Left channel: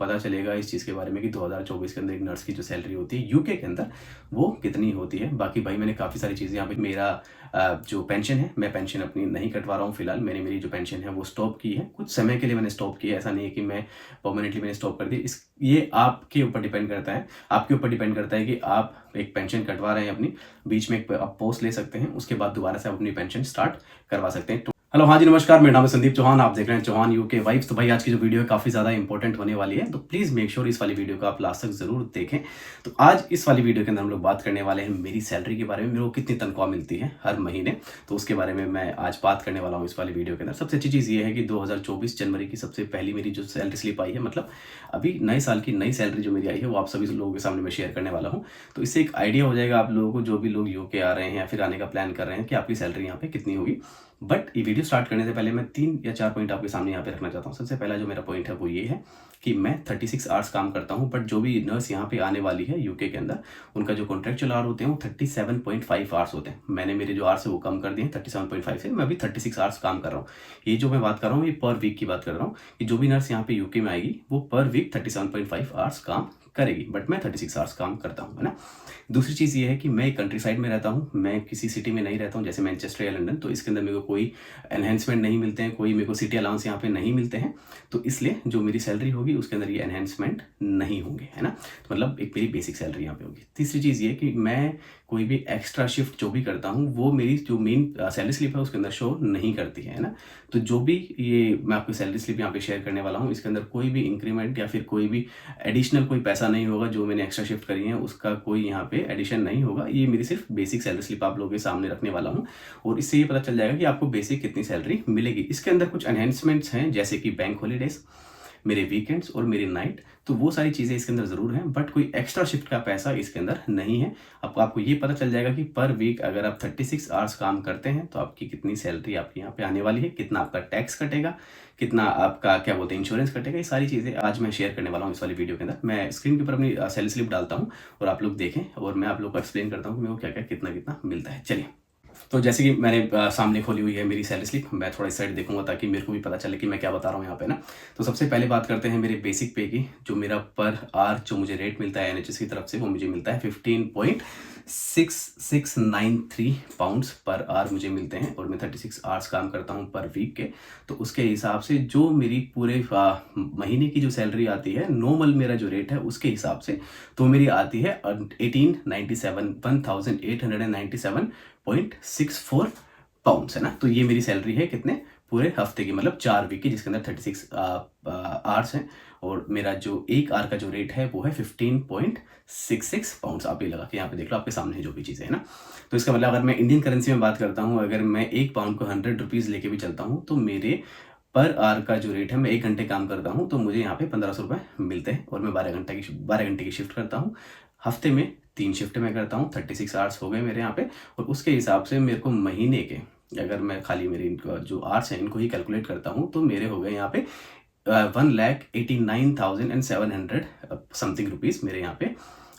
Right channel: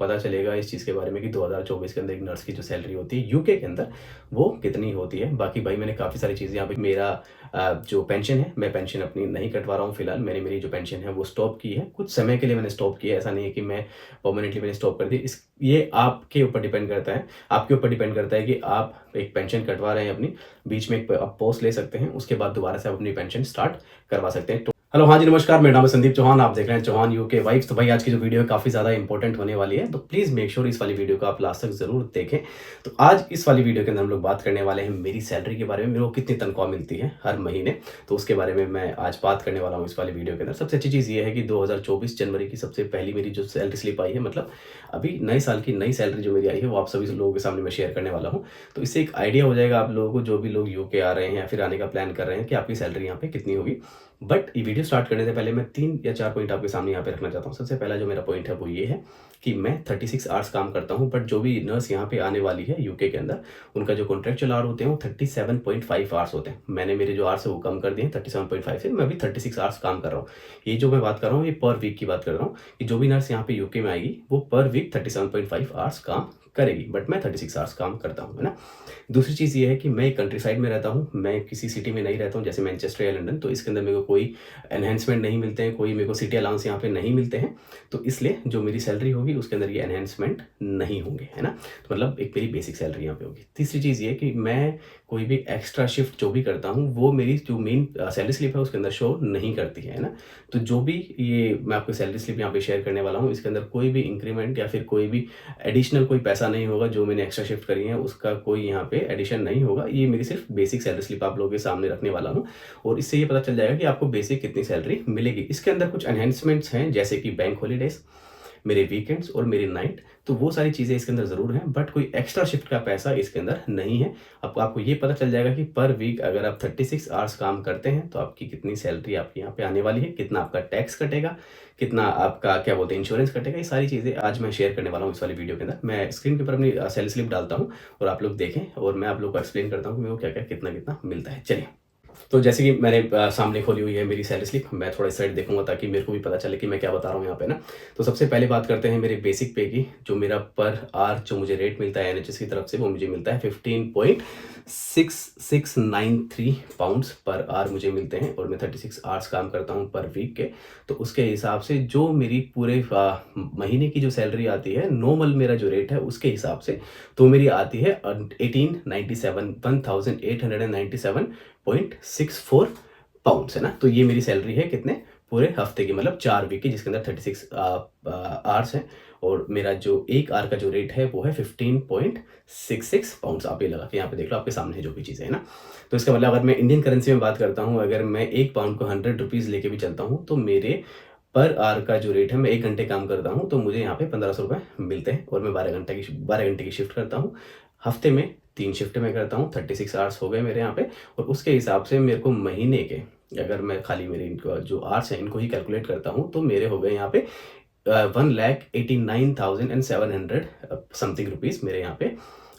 पता चलेगा इस चीज़ के बारे में कि 2024 के अंदर एक नर्स की जो सैलरी होती है यूके के अंदर, वो कितनी होती है। बाकी भाई मैंने काफ़ी सारी चीज़ें यहाँ पे मेरा जो पेंशन है, मैं पेंशन अपनी नहीं कटवा रहा हूँ फिलहाल। मैंने मेरी जो पेंशन है वो स्टॉप की है। कुछ समय के लिए मैंने स्टॉप की है, ऐसा नहीं है कि मैं परमानेंटली मैंने स्टॉप कर दी। ये आपके ऊपर डिपेंड करता है। आपके ऊपर डिपेंड करता है कि आप एक पेंशन कटवा रहे हैं अपनी, बीच में एक आप पॉज़ ले सकते हैं, उसके बाद दोबारा से आप अपनी पेंशन स्टार्ट करवा सकते हैं। हेलो, हाँ जी, नमस्कार। मेरा नाम है संदीप चौहान, आप देख रहे हैं चौहान यूके वाइब्स। तो भाई आज की जो वीडियो है काफ़ी ज़्यादा इंपॉर्टेंट होने वाली है, तो प्लीज़ मेक श्योर इस वाली वीडियो को आप लास्ट तक ज़रूर देखें। तो आज इस वाली वीडियो के अंदर हम लोग बात करने वाले हैं मेरी सैलरी के बारे में, मेरे को कितनी तनख्वाह मिलती है हर महीने, तो उसके बारे में मैं आज बात करने वाला हूँ इस वाली वीडियो के अंदर। सबसे अच्छी चीज़ ये है कि 2024 जनवरी की सबसे पहली मेरी जो सैलरी स्लिप आई है, मतलब अभी नए साल की नई सैलरी जो मेरी आई है, वो आप सभी लोगों के सामने मैं शेयर करने वाला हूँ। तो इससे एक आइडिया हो जाएगा आप लोगों को, जो भी लोग यूके आ रहे हैं या फिर आने का प्लान कर रहे हैं, कि आपकी सैलरी यहाँ पे कितनी होगी। बट ये वीडियो स्टार्ट करने से पहले मैं 3 या 4 पॉइंट आपके सामने यहाँ पे रखना चाहता हूँ। सबसे पहला जो मेरा पॉइंट है वो ये है कि मैं 36 आवर्स काम करता हूँ, बट जो भी नर्स यहाँ पे आने वाली है यूके के अंदर, उनका जो कॉन्ट्रेक्चुअल आवर होते हैं वो 37.5 आवर्स होते हैं। मैंने मेरे जो आवर्स है वो कम कर दिए हैं 37.5 से, मैं अभी 36 आवर्स काम कर रहा हूँ। ये जो मैं बात कर रहा हूँ ये पर वीक की बात कर रहा हूँ, कि जो भी नर्स यहाँ पे यूके में आएगी वो पर वीक 37.5 आवर्स काम करेगी, बट मैं 36 आवर्स काम करता हूँ, है ना। दूसरी चीज़ ये है कि मैं एक कंट्री साइड में रहता हूँ, मैं किसी सिटी में नहीं रहता हूँ, जैसे मैनचेस्टर या लंदन, तो इसके अंदर मेरे को कोई एनहेंसमेंट नहीं मिलते हैं, कोई मेरे को सिटी अलाउंस यहाँ पे नहीं मिलते हैं, तो इसलिए जो मेरी सैलरी होगी उसके अंदर ये एनहेंसमेंट नहीं होंगे, है ना। तो मतलब एक मेरी बेसिक सैलरी यहाँ पे होगी। तीसरी चीज़ ये कि मैं कोई भी एक्स्ट्रा शिफ्ट जो भी करता हूँ वो मेरी जो मेन सैलरी स्लिप है उसके अंदर शो नहीं करती है ना। तो जो भी ये मैं आपको सैलरी स्लिप यहाँ पे शेयर करने वाला हूँ, इसके अंदर कोई भी इंक्रीमेंट या फिर कोई भी एडिशनल कोई पैसा नहीं होगा। जो मैंने एक्स्ट्रा शिफ्ट करी है उसका कोई यहाँ पे एडिशन नहीं होगा। ये मेरी सिर्फ बेसिक सैलरी स्लिप आप लोगों के सामने रखने वाला हूँ, और इससे ये पता चल जाएगा कि आपको बेसिक कितनी सैलरी मिलेगी। इसके अंदर कुछ एनहेंसमेंट्स हैं, जैसे कि बैंक हॉलीडेज, मेरे वीकेंड्स और मेरी नाइट, तो वो सारी चीज़ें इसके अंदर ज़रूर हैं, बट कोई एक्स्ट्रा शिफ्ट का पैसा इसके अंदर नहीं है। अब आपको ये पता चल जाएगा कि पर वीक अगर आप 36 आवर्स काम करते हैं तो आपकी कितनी सैलरी आपकी यहाँ पे आने वाली है, कितना आपका टैक्स कटेगा, कितना आपका क्या बोलते हैं इंश्योरेंस कटेगा। ये सारी चीज़ें आज मैं शेयर करने वाला हूँ इस वाली वीडियो के अंदर। मैं स्क्रीन के ऊपर अपनी सैलरी स्लिप डालता हूँ और आप लोग देखें, और मैं आप लोग को एक्सप्लेन करता हूँ कि मेरे को क्या क्या कितना कितना मिलता है। चलिए, तो जैसे कि मैंने सामने खोली हुई है मेरी सैलरी स्लिप, मैं थोड़ा इस साइड देखूंगा ताकि मेरे को भी पता चले कि मैं क्या बता रहा हूँ यहाँ पे ना। तो सबसे पहले बात करते हैं मेरे बेसिक पे की। जो मेरा पर आवर जो मुझे रेट मिलता है एनएचएस की तरफ से, वो मुझे मिलता है 15.6693 पाउंड्स पर आवर मुझे मिलते हैं, और मैं 36 आवर्स काम करता हूँ पर वीक के। तो उसके हिसाब से जो मेरी पूरे महीने की जो सैलरी आती है, नॉर्मल मेरा जो रेट है उसके हिसाब से, तो मेरी आती है 1897 पाउंड्स, है ना। तो ये मेरी सैलरी है कितने पूरे हफ्ते की, मतलब 4 वीक की, जिसके अंदर 36 आवर्स हैं, और मेरा जो एक आवर का जो रेट है वो है 15.66 पाउंड्स। आप ये लगा के यहाँ पे देख लो, आपके सामने है जो भी चीज़ें, है ना। तो इसका मतलब अगर मैं इंडियन करेंसी में बात करता हूँ, अगर मैं 1 पाउंड को 100 रुपीज़ लेके भी चलता हूँ, तो मेरे पर आवर का जो रेट है, मैं 1 घंटे काम करता हूँ तो मुझे यहाँ पे 1500 रुपये मिलते हैं, और मैं 12 घंटे की शिफ्ट करता हूँ। हफ्ते में 3 शिफ्ट मैं करता हूँ, 36 आवर्स हो गए मेरे यहाँ पे, और उसके हिसाब से मेरे को महीने के, अगर मैं खाली मेरे इनको जो आवर्स हैं इनको ही कैलकुलेट करता हूँ, तो मेरे हो गए यहाँ पे 1,89,700 समथिंग रुपीज़ मेरे यहाँ पे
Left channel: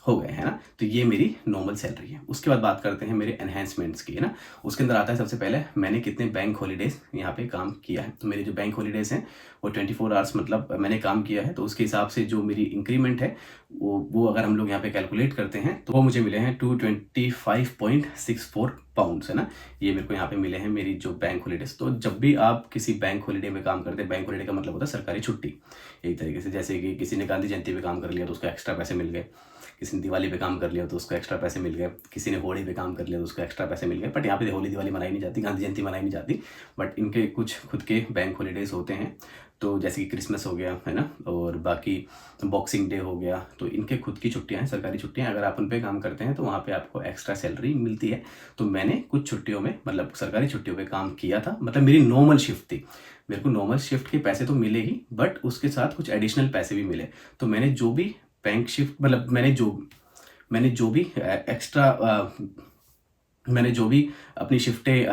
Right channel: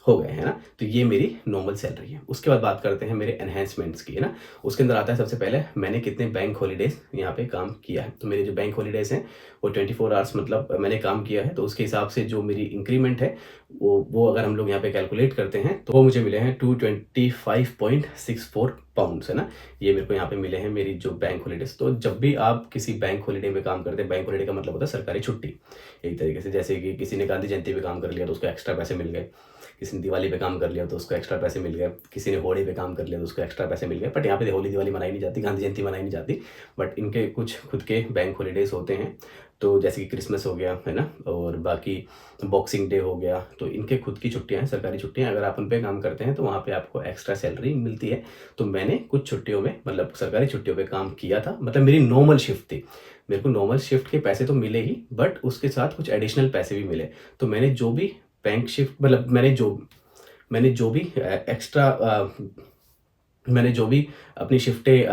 हो गए, है ना। तो ये मेरी नॉर्मल सैलरी है। उसके बाद बात करते हैं मेरे एनहेंसमेंट्स की, है ना। उसके अंदर आता है सबसे पहले मैंने कितने बैंक हॉलीडेज यहाँ पे काम किया है। तो मेरे जो बैंक हॉलीडेज हैं वो 24 आवर्स मतलब मैंने काम किया है, तो उसके हिसाब से जो मेरी इंक्रीमेंट है वो अगर हम लोग यहाँ पे कैलकुलेट करते हैं तो वो मुझे मिले हैं 225.64 पाउंड्स, है ना। ये मेरे को यहाँ पे मिले हैं मेरी जो बैंक हॉलीडेज। तो जब भी आप किसी बैंक हॉलीडे में काम करते हैं, बैंक हॉलीडे का मतलब होता है सरकारी छुट्टी, एक तरीके से, जैसे कि किसी ने गांधी जयंती पे काम कर लिया तो उसको एक्स्ट्रा पैसे मिल गए, किसी ने दिवाली पे काम कर लिया तो उसको एक्स्ट्रा पैसे मिल गए, किसी ने होली पे काम कर लिया तो उसको एक्स्ट्रा पैसे मिल गए। बट यहाँ पे होली दिवाली मनाई नहीं जाती, गांधी जयंती मनाई नहीं जाती, बट इनके कुछ खुद के बैंक हॉलीडेज होते हैं। तो जैसे कि क्रिसमस हो गया, है ना, और बाकी बॉक्सिंग डे हो गया, तो इनके खुद की छुट्टियां हैं, सरकारी छुट्टियां। अगर आप उन पे काम करते हैं तो वहाँ पे आपको एक्स्ट्रा सैलरी मिलती है। तो मैंने कुछ छुट्टियों में, मतलब सरकारी छुट्टियों पे काम किया था, मतलब मेरी नॉर्मल शिफ्ट थी, मेरे को नॉर्मल शिफ्ट के पैसे तो मिले ही, बट उसके साथ कुछ एडिशनल पैसे भी मिले। तो मैंने जो भी बैंक शिफ्ट, मतलब मैंने जो भी एक्स्ट्रा मैंने जो भी अपनी शिफ्टें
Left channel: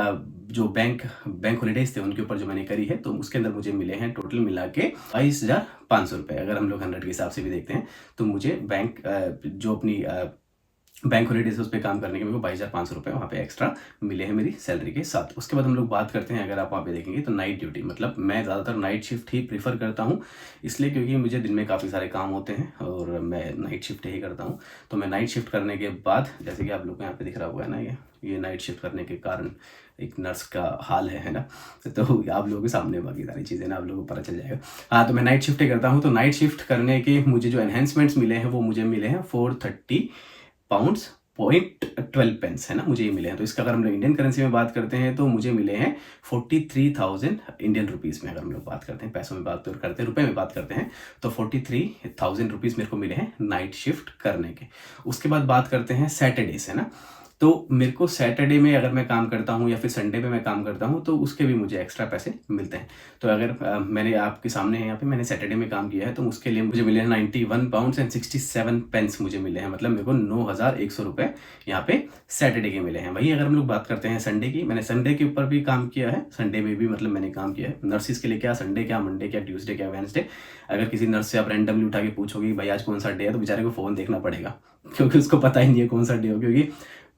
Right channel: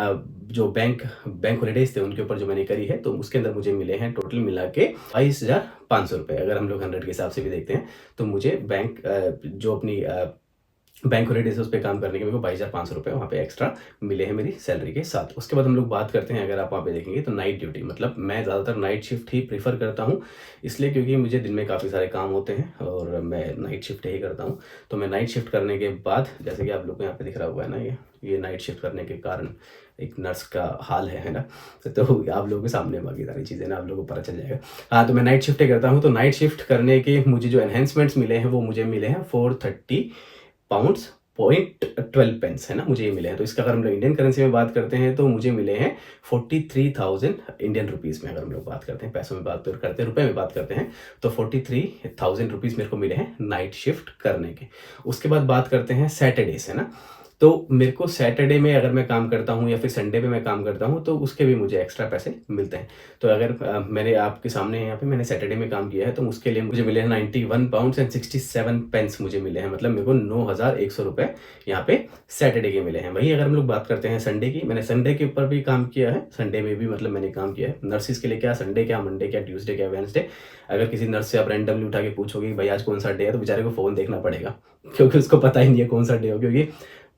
जो बैंक हॉलीडेज थे उनके ऊपर जो मैंने करी है, तो उसके अंदर मुझे मिले हैं टोटल मिला के 22,500 रुपये। अगर हम लोग 100 के हिसाब से भी देखते हैं तो मुझे बैंक जो अपनी बैंक हॉलिडेज़ उस पे काम करने के मेरे को 22,500 रुपए वहाँ पे एक्स्ट्रा मिले हैं मेरी सैलरी के साथ। उसके बाद हम लोग बात करते हैं, अगर आप वहाँ पे देखेंगे तो नाइट ड्यूटी, मतलब मैं ज़्यादातर नाइट शिफ्ट ही प्रेफ़र करता हूँ। इसलिए क्योंकि मुझे दिन में काफ़ी सारे काम होते हैं और मैं नाइट शिफ्ट ही करता हूँ। तो मैं नाइट शिफ्ट करने के बाद, जैसे कि आप लोग को यहाँ पे दिख रहा हुआ है ना, ये नाइट शिफ्ट करने के कारण एक नर्स का हाल है ना? तो आप लोगों के सामने बाकी सारी चीज़ें ना आप लोगों को पता चल जाएगा। हाँ, तो मैं नाइट शिफ्ट ही करता हूँ। तो नाइट शिफ्ट करने के मुझे जो एनहांसमेंट्स मिले हैं वो मुझे मिले हैं 430 पाउंड्स पॉइंट 12 पेंस, है ना, मुझे ये मिले हैं। तो इसका अगर हम लोग इंडियन करेंसी में बात करते हैं तो मुझे मिले हैं 43,000 इंडियन रुपीज़ में। अगर हम लोग बात करते हैं, पैसों में बात करते हैं, रुपए में बात करते हैं, तो 43,000 रुपीज़ मेरे को मिले हैं नाइट शिफ्ट करने के। उसके बाद बात करते हैं सैटरडेज़, है ना? तो मेरे को सैटरडे में अगर मैं काम करता हूँ या फिर संडे पे मैं काम करता हूँ तो उसके भी मुझे एक्स्ट्रा पैसे मिलते हैं। तो अगर मैंने आपके सामने यहाँ पे मैंने सैटरडे में काम किया है तो उसके लिए मुझे मिले हैं 91 पाउंड्स एंड 67 पेंस मुझे मिले हैं, मतलब मेरे को 9,100 रुपये यहाँ पे सैटरडे के मिले हैं। वहीं अगर हम लोग बात करते हैं संडे की, मैंने संडे के ऊपर भी काम किया है, संडे में भी मतलब मैंने काम किया है। नर्सिस के लिए क्या संडे, क्या मंडे, क्या ट्यूसडे, क्या वेडनेसडे, अगर किसी नर्स से आप रैंडमली उठा के पूछोगे कि भाई आज कौन सा डे है, तो बेचारे को फ़ोन देखना पड़ेगा क्योंकि उसको पता ही नहीं है कौन सा डे हो। क्योंकि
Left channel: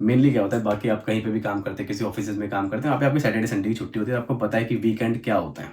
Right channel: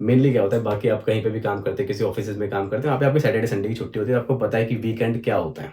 मेनली क्या होता है, बाकी आप कहीं पे भी काम करते हैं, किसी ऑफिसेज में काम करते हैं, वहाँ पे आपकी सैटरडे संडे की छुट्टी होती है, तो आपको पता है कि वीकेंड क्या होता है।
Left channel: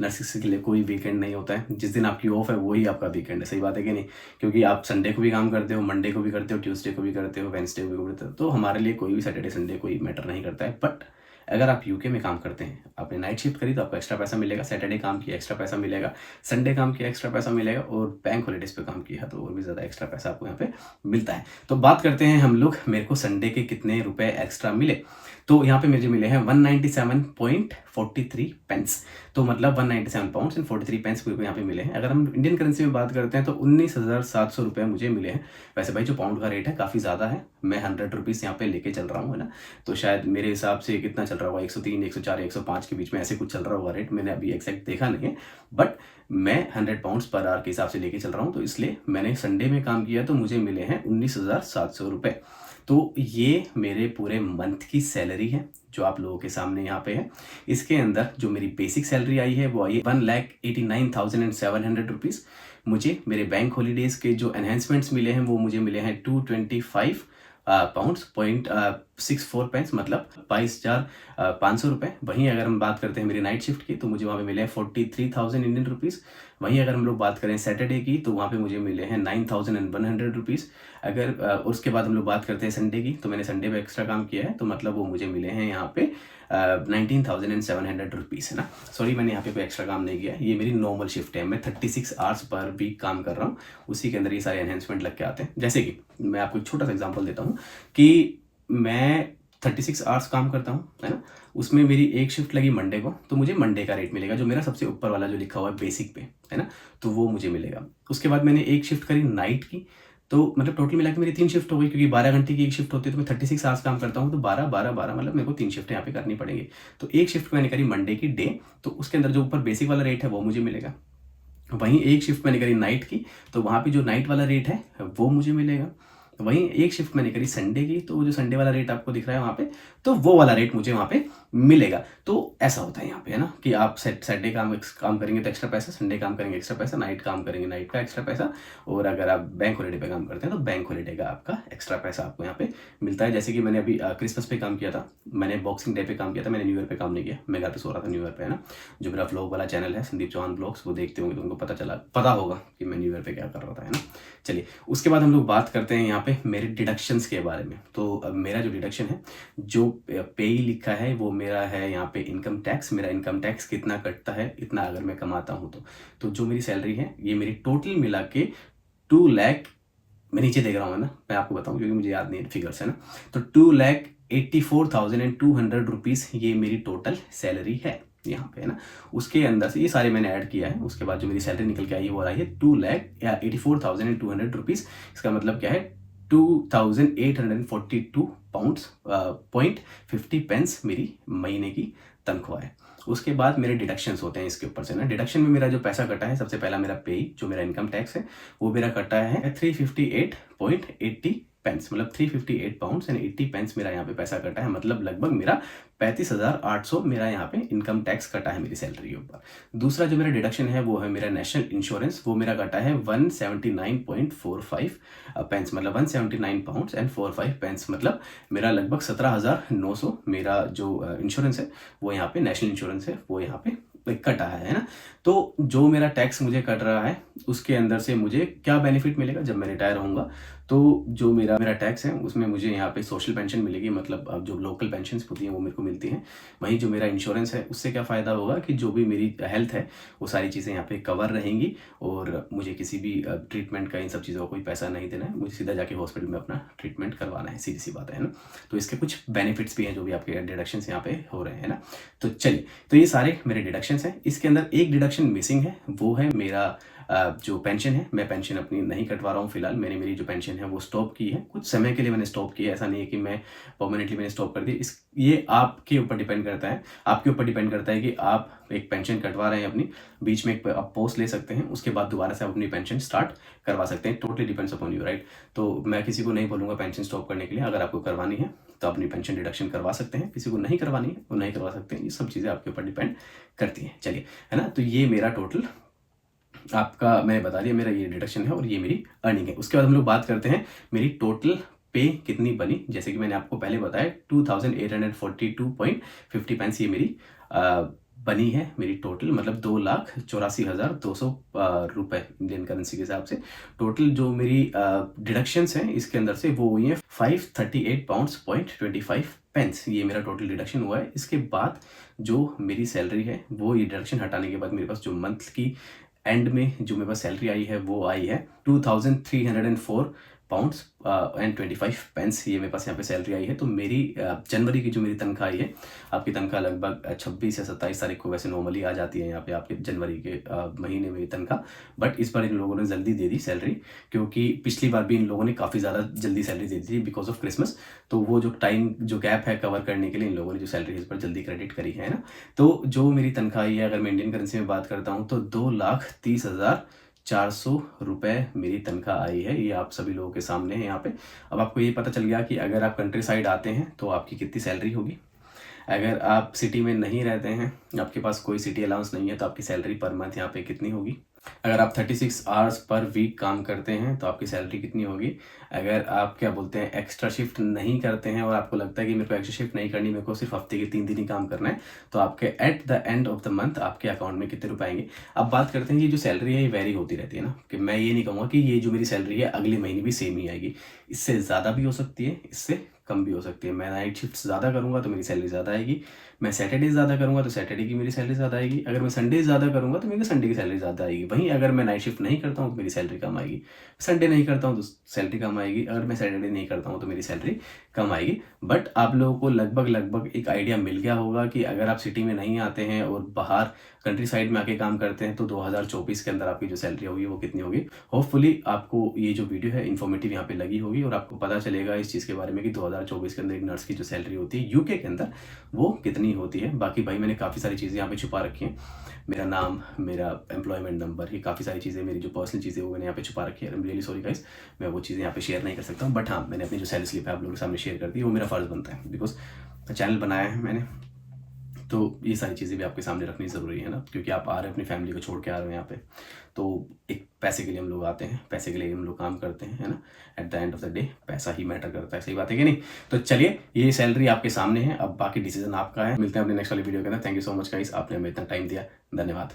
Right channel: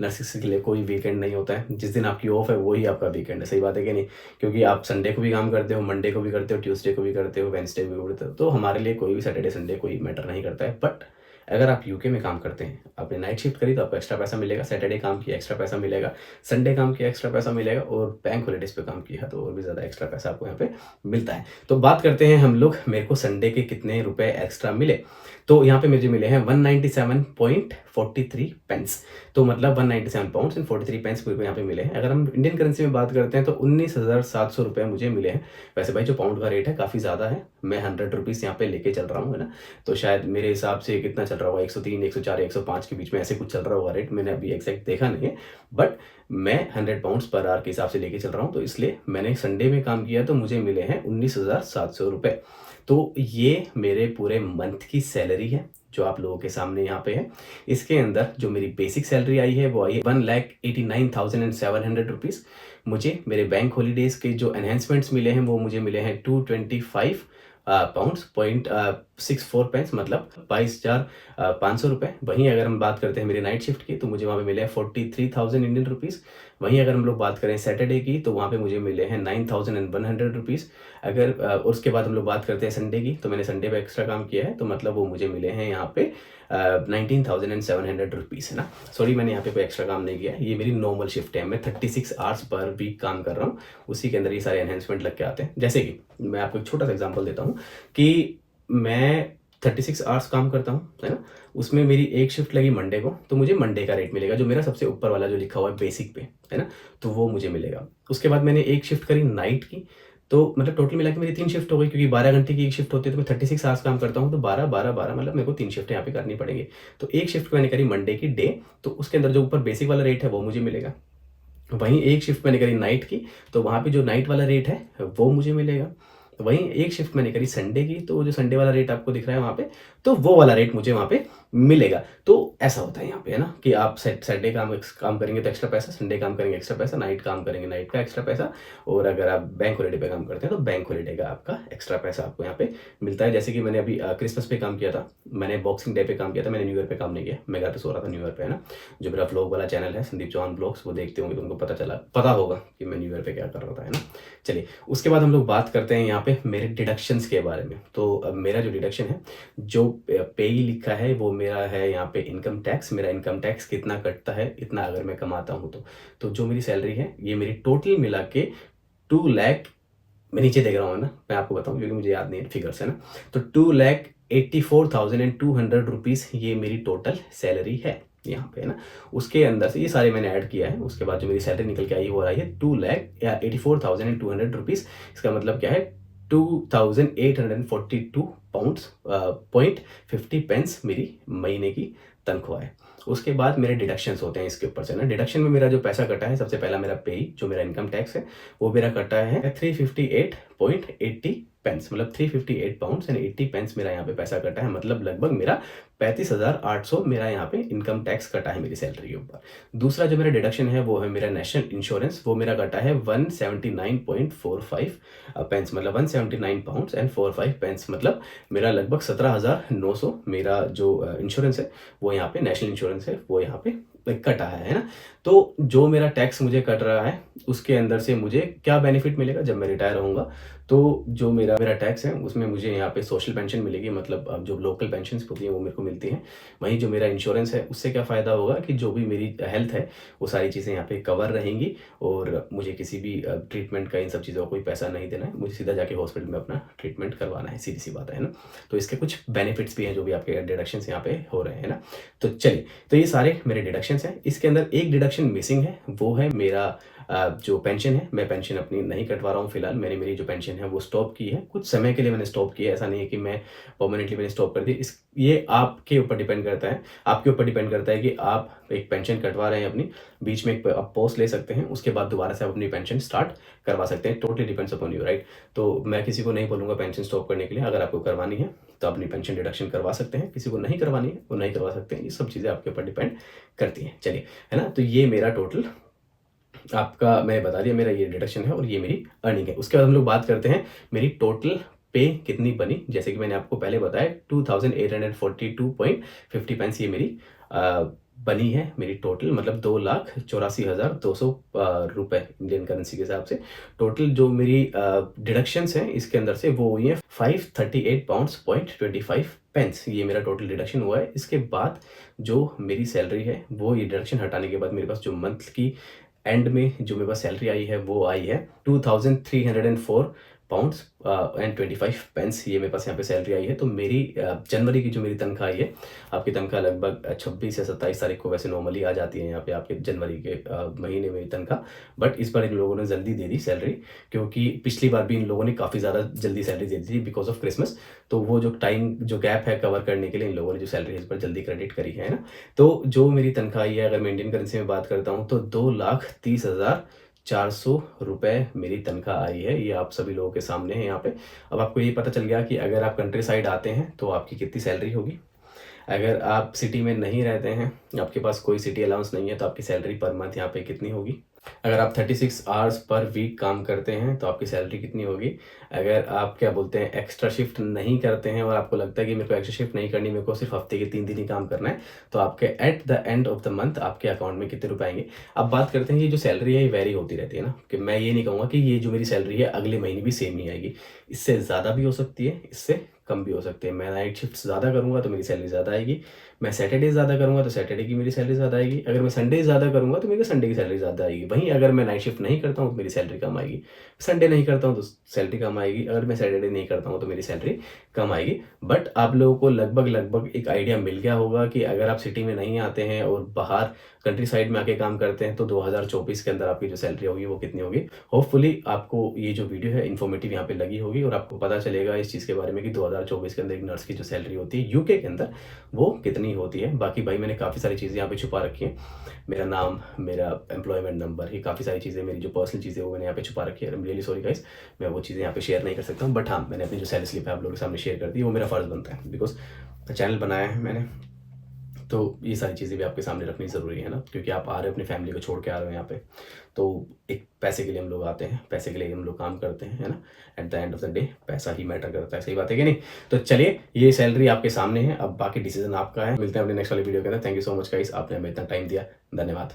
नर्सिस के लिए कोई वीकेंड नहीं होता है, जिस दिन आपकी ऑफ है वही आपका वीकेंड है। सही बात है कि नहीं? क्योंकि आप संडे को भी काम करते हो, मंडे को भी करते हो, ट्यूसडे को भी करते हो, वेडनेसडे को भी करते हो, तो हमारे लिए कोई भी सैटरडे संडे कोई मैटर नहीं करता है। बट अगर आप यूके में काम करते हैं, आपने नाइट शिफ्ट करी तो आपको एक्स्ट्रा पैसा मिलेगा, सैटरडे काम किया एक्स्ट्रा पैसा मिलेगा, संडे काम किया एक्स्ट्रा पैसा मिलेगा, और बैंक हॉलीडेज़ पे काम किया तो और भी ज़्यादा एक्स्ट्रा पैसा आपको यहाँ पे मिलता है। तो बात करते हैं हम लोग, मेरे को संडे के कितने रुपए एक्स्ट्रा मिले। तो यहाँ पे मुझे मिले हैं 197.43 पेंस, तो मतलब 197 पाउंड्स एंड 43 पेंस मेरे को यहाँ पे मिले हैं। अगर हम इंडियन करेंसी में बात करते हैं तो 19,700 रुपये मुझे मिले हैं। वैसे भाई जो पाउंड का रेट है काफ़ी ज़्यादा है, मैं 100 रुपीज़ यहाँ पे लेके चल रहा हूँ, है ना? तो शायद मेरे हिसाब से कितना चल रहा होगा, 103, 104, 105 के बीच में ऐसे कुछ चल रहा होगा रेट, मैंने अभी एग्जैक्ट देखा नहीं है। बट मैं 100 पाउंड्स पर आवर के हिसाब से लेके चल रहा हूँ, तो इसलिए मैंने संडे में काम किया तो मुझे मिले हैं 19,700 रुपये। तो ये मेरे पूरे मंथ की सैलरी है जो आप लोगों के सामने यहाँ पे है। इसके अंदर जो मेरी बेसिक सैलरी आई है वो आई है 1,89,700 रुपीज़। मुझे मेरे बैंक हॉलीडेज़ के जो एनहेंसमेंट्स मिले हैं वो मुझे मिले हैं 225 पाउंड्स पॉइंट 64 पेंस, मतलब 22,500 रुपये। वहीं अगर हम बात करते हैं मेरी नाइट शिफ्ट की तो मुझे वहाँ पे मिले हैं 43,000 इंडियन रुपीज़। वहीं अगर हम लोग बात करें सैटरडे की तो वहाँ पे मुझे मिले हैं 9,100 रुपीज़। अगर और उसके बाद हम लोग बात करते हैं संडे की, तो मैंने संडे पे एक्स्ट्रा काम किया है तो मतलब वो मुझे मिले हैं यहाँ पे 19,700 रुपीज़, है ना? सॉरी, मैंने यहाँ पे कोई एक्स्ट्रा काम नहीं किया है, ये मेरी नॉर्मल शिफ्ट है। मैं 36 आवर्स पर वीक काम कर रहा हूँ, उसी के अंदर ये सारे एनहेंसमेंट लग के आते हैं। जैसे कि मैं आपको एक छोटा सा एग्जांपल देता हूँ कि मैं 36 आवर्स काम करता हूँ, है ना? उसमें मेरी एक शिफ्ट लगी मंडे को, तो मुझे मंडे का रेट मिलेगा, जो मेरा सबसे ऊपर वाला जो लिखा हुआ है बेसिक पे, है ना? तो वो मुझे मिलेगा। उसके बाद मैंने एक शिफ्ट करी नाइट की, तो मतलब टोटल मिला के मेरी 3 शिफ्ट हो गई, क्योंकि 12 घंटे की एक शिफ्ट होती है, तो मैं 36 आवर्स काम करता हूँ, तो 12, 12, 12 मतलब मेरे को 3 शिफ्टें यहाँ पे करनी पड़ेंगी। तो एक शिफ्ट मैंने करी मंडे की डे, तो उसके अंदर जो ऊपर बेसिक वाला रेट है वो मुझे मिलेगा। वहीं एक शिफ्ट मैंने करी नाइट की, तो वहाँ पे जो नाइट वाला रेट है वो मुझे मिलेगा। वहीं एक शिफ्ट मैंने करी संडे की, तो जो संडे वाला रेट आपको दिख रहा है वहाँ पे, तो वो वाला रेट मुझे वहाँ पे मिलेगा। तो ऐसा होता है यहाँ पे, है ना, कि आप संडे काम करेंगे तो एक्स्ट्रा पैसा, संडे काम करेंगे एक्स्ट्रा पैसा, नाइट काम करेंगे नाइट का एक्स्ट्रा पैसा, और अगर आप बैंक हॉलीडे पे काम करते हैं तो बैंक हॉलीडे का आपका एक्स्ट्रा पैसा आपको यहाँ पे मिलता है। जैसे कि मैंने अभी क्रिसमस पे काम किया था, मैंने बॉक्सिंग डे पे काम किया था, मैंने न्यू ईयर पे काम नहीं किया, मैं घर पे सो रहा था न्यू ईयर पे, है ना? जो मेरा व्लॉग वाला चैनल है संदीप चौहान ब्लॉग्स, वो देखते होंगे तो उनको पता होगा कि मैं न्यू ईयर पे क्या कर रहा था, है ना? चलिए, उसके बाद हम लोग बात करते हैं यहाँ पे मेरे डिडक्शंस के बारे में। तो अब मेरा जो डिडक्शन है, जो पेई लिखा है वो मेरा है यहाँ पे इनकम टैक्स। मेरा इनकम टैक्स कितना कटता है, इतना अगर मैं कमाता हूँ तो जो मेरी सैलरी है ये मेरी टोटल मिला के 2 लाख, मैं नीचे देख रहा हूँ, है ना, मैं आपको बताऊँ क्योंकि मुझे याद नहीं है फिगर्स, है ना? तो 2,84,200 रुपीज़ ये मेरी टोटल सैलरी है यहाँ पे, है ना? उसके अंदर से ये सारे मैंने ऐड किया है, उसके बाद जो मेरी सैलरी निकल के आई वो आ रही है 2,84,200 रुपीज़। इसका मतलब क्या है, 2,842 पाउंड्स पॉइंट 50 पेंस मेरी महीने की तनख्वाह है। उसके बाद मेरे डिडक्शंस होते हैं इसके ऊपर से ना। डिडक्शन में मेरा जो पैसा कटा है, सबसे पहला मेरा पे, जो मेरा इनकम टैक्स है वो मेरा कटा है 358.80 पेंस मतलब 358 पाउंड्स एंड 80 पेंस मेरा यहाँ पे पैसा कटा है, मतलब लगभग मेरा 35,800 मेरा यहाँ पे इनकम टैक्स कटा है मेरी सैलरी के ऊपर। दूसरा जो मेरा डिडक्शन है वो है मेरा नेशनल इंश्योरेंस, वो मेरा कटा है 179.45 पेंस मतलब 179 पाउंड्स एंड 45 पेंस, मतलब मेरा लगभग 17,900 मेरा जो इंश्योरेंस है वो यहाँ पे नेशनल इंश्योरेंस है वो यहाँ पे कटा है ना। तो जो मेरा टैक्स मुझे कट रहा है उसके अंदर से मुझे क्या बेनिफिट मिलेगा जब मैं रिटायर होऊंगा, तो जो मेरा मेरा टैक्स है उसमें मुझे यहाँ पे सोशल पेंशन मिलेगी, मतलब अब जो लोकल पेंशन होती हैं वो मेरे को मिलती हैं। वहीं जो मेरा इंश्योरेंस है उससे क्या फ़ायदा होगा कि जो भी मेरी हेल्थ है वो सारी चीज़ें यहाँ पे कवर रहेंगी और मुझे किसी भी ट्रीटमेंट का इन सब चीज़ों का कोई पैसा नहीं देना है, मुझे सीधा जाके हॉस्पिटल में अपना ट्रीटमेंट करवाना है, सीधी सी बात है ना। तो इसके कुछ बेनिफिट्स भी हैं जो भी आपके डिडक्शंस यहाँ पे हो रहे हैं ना। तो चलिए, तो ये सारे मेरे डिडक्शंस हैं। इसके अंदर एक डिडक्शन मिसिंग है, वो है मेरा जो पेंशन है। मैं पेंशन अपनी नहीं कटवा रहा हूँ फिलहाल, मैंने मेरी जो पेंशन है वो स्टॉप की है, कुछ समय के लिए मैंने स्टॉप किया है, ऐसा नहीं है कि मैं परमानेंटली मैंने स्टॉप कर दी। ये आपके ऊपर डिपेंड करता है, आपके ऊपर डिपेंड करता है कि आप एक पेंशन कटवा रहे हैं अपनी, बीच में एक आप पॉज ले सकते हैं, उसके बाद दोबारा से आप अपनी पेंशन स्टार्ट करवा सकते हैं। Totally depends upon you, right. तो मैं किसी को नहीं बोलूँगा पेंशन स्टॉप करने के लिए, अगर आपको करवानी है तो अपनी पेंशन डिडक्शन करवा सकते हैं, किसी को नहीं करवानी है वो नहीं करवा सकते हैं, ये सब चीज़ें आपके ऊपर डिपेंड करती हैं। चलिए, है ना। तो ये मेरा टोटल आपका मैंने बता दिया, मेरा ये डिडक्शन है और ये मेरी अर्निंग है। उसके बाद हम लोग बात करते हैं मेरी टोटल पे कितनी बनी। जैसे कि मैंने आपको पहले बताया 2842.50 पेंस ये मेरी बनी है मेरी टोटल, मतलब 2,84,200 रुपये इंडियन करेंसी के हिसाब से। टोटल जो मेरी डिडक्शंस हैं इसके अंदर से वो हुई है 538 पाउंड्स पॉइंट 25 पेंस, ये मेरा टोटल डिडक्शन हुआ है। इसके बाद जो मेरी सैलरी है वो ये डिडक्शन हटाने के बाद मेरे पास जो मंथ की एंड में जो मेरे पास सैलरी आई है वो आई है 2,304 पाउंड्स एंड 25 पेंस, ये मेरे पास यहाँ पे सैलरी आई है। तो मेरी जनवरी की जो मेरी तनख्वाह आई है, आपकी तनख्वाह लगभग 26 या 27 तारीख को वैसे नॉर्मली आ जाती है यहाँ पे आपके जनवरी के महीने में तनख्वाह, बट इस बार इन लोगों ने जल्दी दे दी सैलरी, क्योंकि पिछली बार भी इन लोगों ने काफ़ी ज़्यादा जल्दी सैलरी दे दी थी बिकॉज ऑफ क्रिसमस। तो वो जो टाइम जो गैप है कवर करने के लिए इन लोगों ने जो सैलरी है इस पर जल्दी क्रेडिट करी है ना। तो जो मेरी तनख्वाह आई है, अगर मैं इंडियन करेंसी में बात करता हूँ तो 2,30,400 रुपये मेरी तनख्वाह आई है। ये आप सभी लोगों के सामने है यहाँ पे। अब आपको ये पता चल गया कि अगर आप कंट्री साइड आते हैं तो आपकी कितनी सैलरी होगी। अगर आप सिटी में नहीं रहते हैं, आपके पास कोई सिटी अलाउंस नहीं है, तो आपकी सैलरी पर मंथ यहाँ पे कितनी होगी। अगर आप 36 आवर्स पर वीक काम करते हैं तो आपकी सैलरी कितनी होगी। अगर आप क्या बोलते हैं एक्स्ट्रा शिफ्ट नहीं करते हैं और आपको लगता है कि मेरे को एक्स्ट्रा शिफ्ट नहीं करनी, मेरे को सिर्फ हफ्ते के 3 दिन ही काम करना है, तो आपके at the end of the month आपके अकाउंट में कितने रुपए आएंगे। अब बात करते हैं ये जो सैलरी है ये वेरी होती रहती है ना, कि मैं ये नहीं कहूँगा कि ये जो मेरी सैलरी है अगले महीने भी सेम ही आएगी, इससे ज़्यादा भी हो सकती है, इससे कम भी हो सकती है। मैं नाइट शिफ्ट ज़्यादा करूँगा तो मेरी सैलरी ज़्यादा आएगी, मैं सैटरडे ज़्यादा करूँगा तो सैटरडे की मेरी सैलरी ज़्यादा आएगी, अगर मैं संडे ज़्यादा करूँगा तो मेरी संडे की सैलरी ज़्यादा आएगी। वहीं अगर मैं नाइट शिफ्ट नहीं करता हूँ तो मेरी सैलरी कम आएगी, संडे नहीं करता हूँ तो सैलरी कम आएगी, अगर मैं सैटरडे नहीं करता हूँ तो मेरी सैलरी कम आएगी। बट आप लोगों को लगभग एक आइडिया मिल गया होगा कि अगर आप सिटी में नहीं आते हैं और बाहर कंट्री साइड में आके काम करते हैं तो 2024 के अंदर आपकी जो सैलरी होगी वो कितनी होगी। होपफुली आपको ये जो वीडियो है इन्फॉर्मेटिव यहाँ पे लगी होगी और आपको पता चलेगा इस चीज़ के बारे में कि 2024 के अंदर एक नर्स की जो सैलरी होती है यूके के अंदर वो कितनी होती है। बाकी भाई मैंने काफ़ी सारी चीज़ें यहाँ पे छुपा रखी हैं, मेरा नाम, मेरा एम्प्लॉयमेंट नंबर, ये काफ़ी सारी चीज़ें मेरी जो पर्सनल चीज़ें वो मैंने यहाँ पे छुपा रखी है। I am really sorry guys, मैं वो चीज़ें यहाँ पे शेयर नहीं कर सकता हूँ, बट हाँ मैंने अपनी जो सैलरी स्लिप है आप लोगों के सामने शेयर कर दी, वो मेरा फ़र्ज़ बनता है बिकॉज चैनल बनाया है मैंने, तो ये सारी चीज़ें भी आपके सामने रखनी ज़रूरी है ना, क्योंकि आप आ रहे हो अपनी फैमिली को छोड़ के आ रहे हो यहाँ पे, तो एक पैसे के लिए हम लोग आते हैं, पैसे के लिए हम लोग काम करते हैं, है ना। At the end of the day पैसा ही मैटर करता है, सही बात है कि नहीं। तो चलिए, ये सैलरी आपके सामने है, अब बाकी डिसीजन आपका है। मिलते हैं अपने नेक्स्ट वाली वीडियो के अंदर। Thank you so much guys, आपने हमें इतना टाइम दिया, धन्यवाद।